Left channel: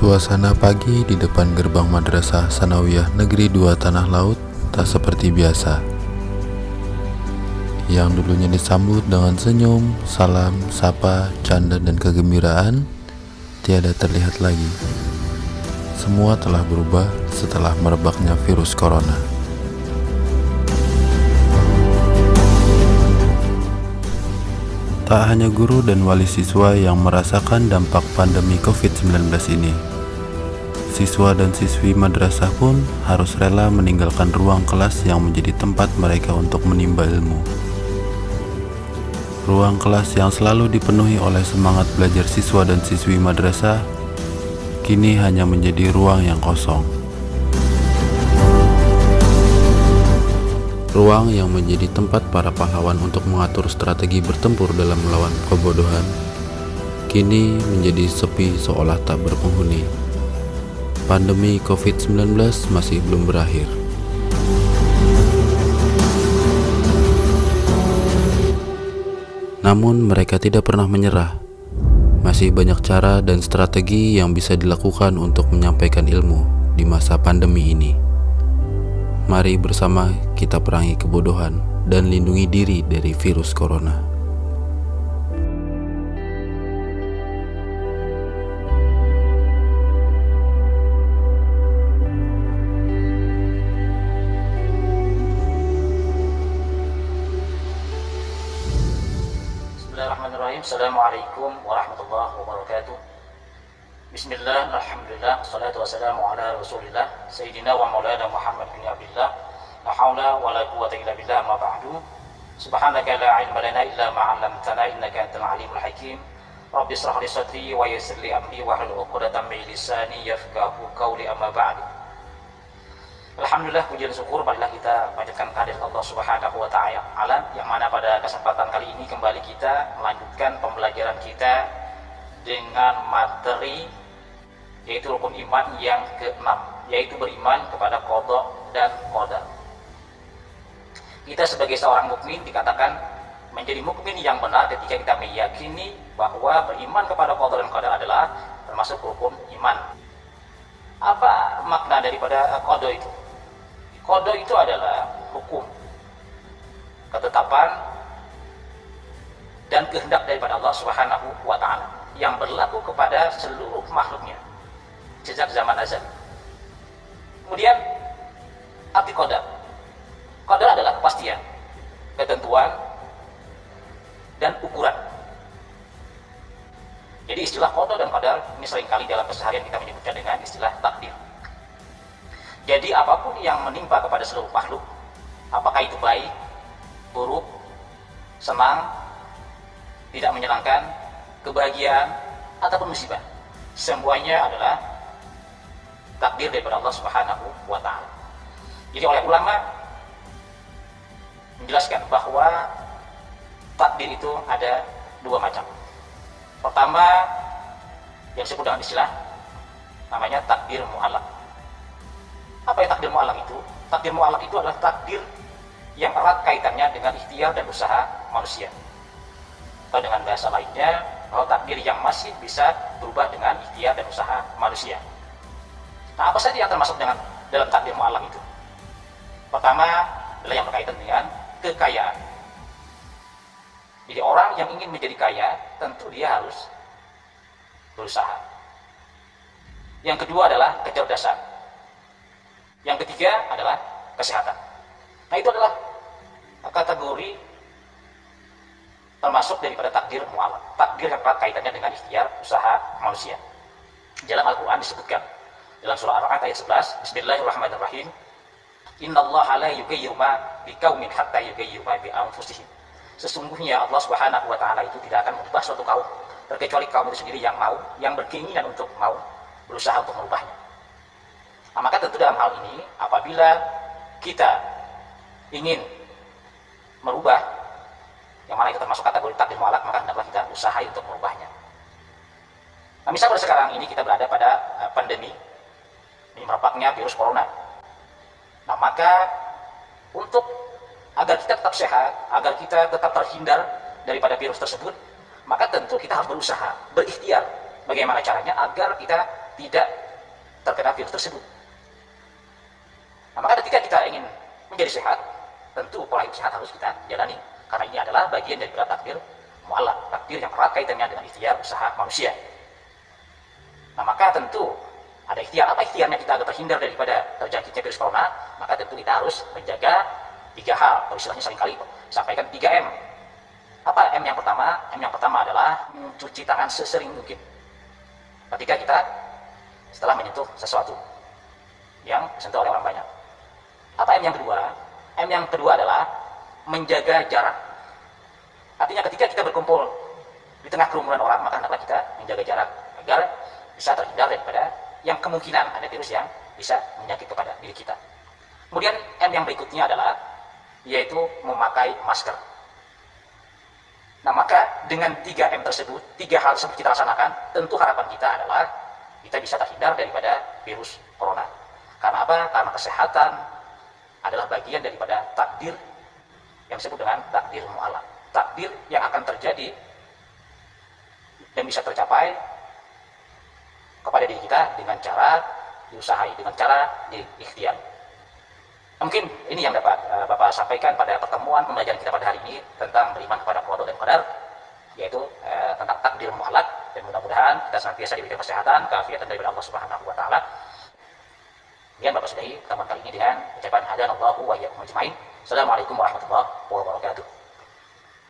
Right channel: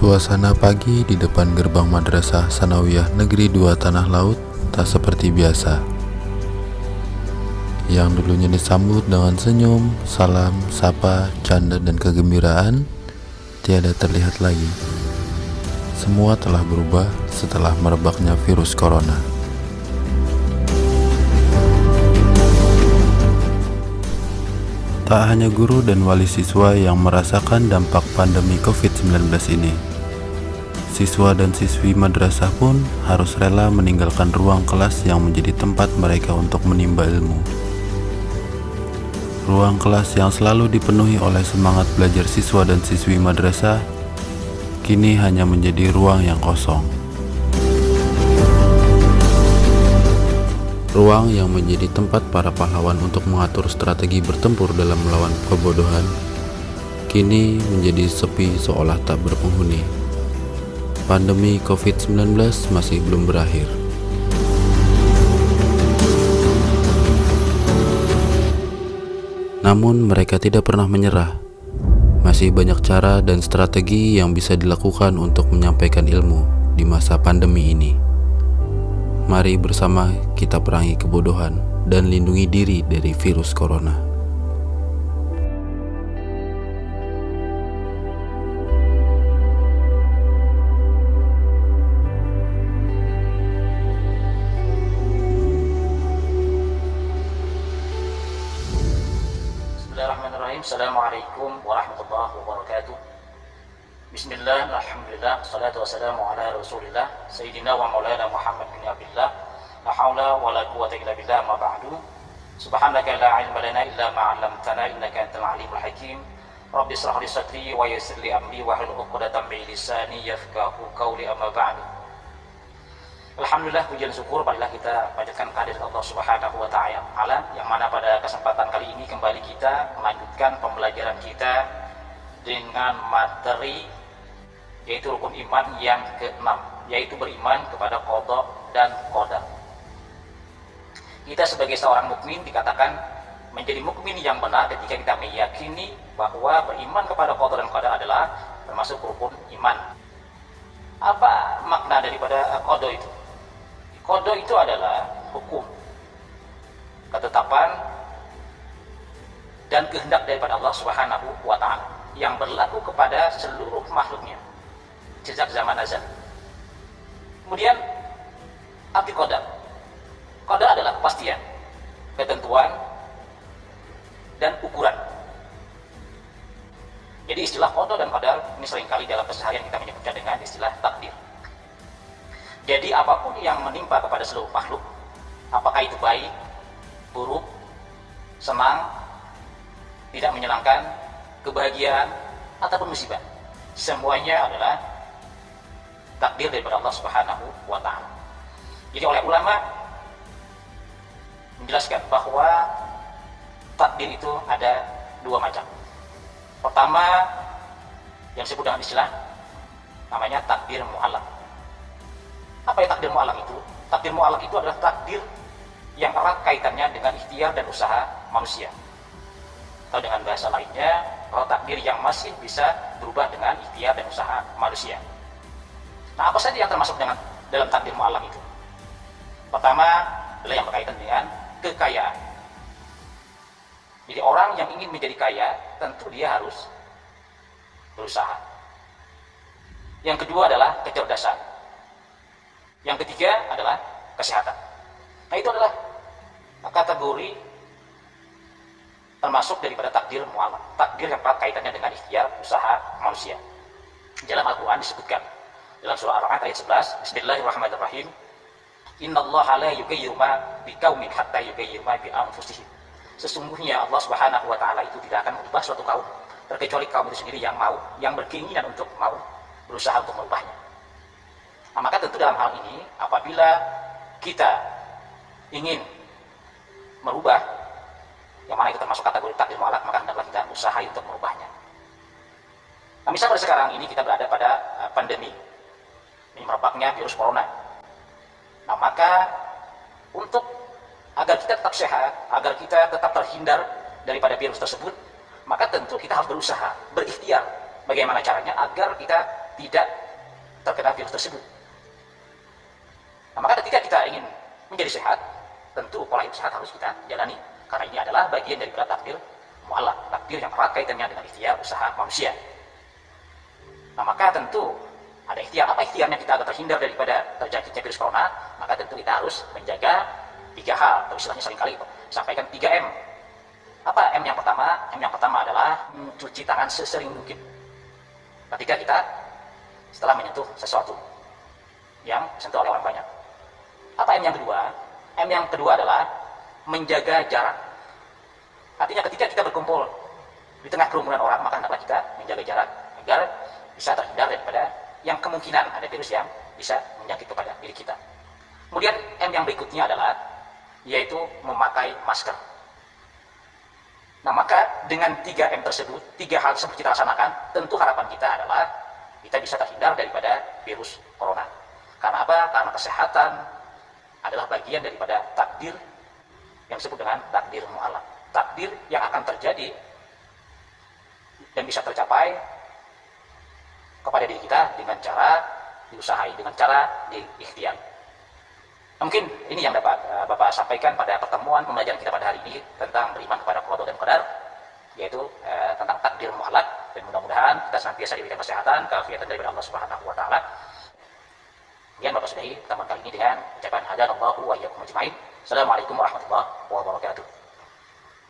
Suasana pagi di depan gerbang Madrasah Sanawiyah Negeri 2 Tanah Laut tak seperti biasa. Yang dulunya disambut dengan senyum, salam, sapa, canda, dan kegembiraan, tiada terlihat lagi. Semua telah berubah setelah merebaknya virus corona. Tak hanya guru dan wali siswa yang merasakan dampak pandemi COVID-19 ini. Siswa dan siswi madrasah pun harus rela meninggalkan ruang kelas yang menjadi tempat mereka untuk menimba ilmu. Ruang kelas yang selalu dipenuhi oleh semangat belajar siswa dan siswi madrasah, kini hanya menjadi ruang yang kosong. Ruang yang menjadi tempat para pahlawan untuk mengatur strategi bertempur dalam melawan kebodohan, kini menjadi sepi seolah tak berpenghuni. Pandemi COVID-19 masih belum berakhir. Namun mereka tidak pernah menyerah. Masih banyak cara dan strategi yang bisa dilakukan untuk menyampaikan ilmu di masa pandemi ini. Mari bersama kita perangi kebodohan dan lindungi diri dari virus corona. Bismillahirrahmanirrahim. Assalamualaikum warahmatullahi wabarakatuh. Bismillah, alhamdulillah, salatu wassalamu ala rasulillah Sayyidina wa maulana Muhammad bin Abdillah. La hawla wa la quwwata illa billah, ma ba'du. Subhanaka la ilma lana illa ma 'allamtana innaka antal alimul hakim. Rabbi shrah li sadri wa yassir li amri wa hlul 'uqdatam min lisani yafqahu qawli, amma ba'du. Alhamdulillah, pujian syukur marilah kita panjatkan kehadirat Allah Subhanahu wa ta'ala, yang mana pada kesempatan kali ini kembali kita melanjutkan pembelajaran kita dengan materi yaitu rukun iman yang ke-6, yaitu beriman kepada qada dan qadar. Kita sebagai seorang mukmin dikatakan menjadi mukmin yang benar ketika kita meyakini bahwa beriman kepada qada dan qadar adalah termasuk rukun iman. Apa makna daripada qada itu? Qada itu adalah hukum, ketetapan dan kehendak daripada Allah Subhanahu wa ta'ala yang berlaku kepada seluruh makhluknya sejak zaman azali. Kemudian arti qadar. Qadar adalah kepastian, ketentuan, dan ukuran. Jadi istilah qada dan qadar ini seringkali dalam keseharian kita menyebutkan dengan istilah takdir. Jadi apapun yang menimpa kepada seluruh makhluk, apakah itu baik, buruk, senang, tidak menyenangkan, kebahagiaan, ataupun musibah, semuanya adalah takdir daripada Allah Subhanahu wa ta'ala. Jadi oleh ulama menjelaskan bahwa takdir itu ada dua macam. Pertama yang disebut dengan istilah namanya takdir mu'allaq. Apa ya takdir mu'allaq itu? Takdir mu'allaq itu adalah takdir yang erat kaitannya dengan ikhtiar dan usaha manusia. Atau dengan bahasa lainnya, bahwa takdir yang masih bisa berubah dengan ikhtiar dan usaha manusia. Nah, apa saja yang termasuk dalam takdir mu'allaq itu? Pertama adalah yang berkaitan dengan kekayaan. Jadi orang yang ingin menjadi kaya tentu dia harus berusaha. Yang kedua adalah kecerdasan. Yang ketiga adalah kesehatan. Nah, itu adalah kategori termasuk daripada takdir mu'allaq. Takdir yang erat kaitannya dengan ikhtiar usaha manusia. Dalam Al-Quran disebutkan dalam surah Ar-Ra'd ayat 11, Bismillahirrahmanirrahim. Innallaha la yughayyiru ma biqaumin hatta yughayyiru ma bi anfusihim. Sesungguhnya Allah Subhanahu wa ta'ala itu tidak akan mengubah suatu kaum terkecuali kaum itu sendiri yang mau, yang berkeinginan untuk mau berusaha untuk merubahnya. Nah, maka tentu dalam hal ini apabila kita ingin merubah yang mana itu termasuk kategori takdir mu'allaq, maka hendaklah kita usaha untuk merubahnya. Nah, misal pada sekarang ini kita berada pada pandemi ini merebaknya virus corona. Nah, maka untuk agar kita tetap sehat, agar kita tetap terhindar daripada virus tersebut, maka tentu kita harus berusaha, berikhtiar. Bagaimana caranya agar kita tidak terkena virus tersebut. Nah, maka ketika kita ingin menjadi sehat, tentu pola hidup sehat harus kita jalani, karena ini adalah bagian daripada takdir mu'allaq, takdir yang erat kaitannya dengan ikhtiar usaha manusia. Nah, maka tentu ada ikhtiar. Apa ikhtiarnya kita agar terhindar daripada terjangkitnya virus corona? Maka tentu kita harus menjaga 3 hal, atau istilahnya seringkali sampaikan 3M. Apa M yang pertama? M yang pertama adalah mencuci tangan sesering mungkin ketika kita setelah menyentuh sesuatu yang disentuh oleh orang banyak. Apa M yang kedua? M yang kedua adalah menjaga jarak. Artinya ketika kita berkumpul di tengah kerumunan orang, maka hendaklah kita menjaga jarak agar bisa terhindar daripada yang kemungkinan ada virus yang bisa menyakit kepada diri kita. Kemudian M yang berikutnya adalah yaitu memakai masker. Nah, maka dengan 3M tersebut, 3 hal tersebut kita laksanakan, tentu harapan kita adalah kita bisa terhindar daripada virus corona. Karena apa? Karena kesehatan adalah bagian daripada takdir yang disebut dengan takdir mu'allaq. Takdir yang akan terjadi dan bisa tercapai kepada diri kita dengan cara diusahai, dengan cara diikhtiar. Mungkin ini yang dapat Bapak sampaikan pada pertemuan pembelajaran kita pada hari ini tentang beriman kepada qada dan qadar, yaitu tentang takdir mu'allaq, dan mudah-mudahan kita senantiasa diberikan kesehatan, keafiatan daripada Allah Subhanahu wa taala. Kemudian Bapak sudahi pertemuan kali ini dengan ucapan hadanallahu wa iyyakum ajmain. Assalamualaikum warahmatullahi wabarakatuh.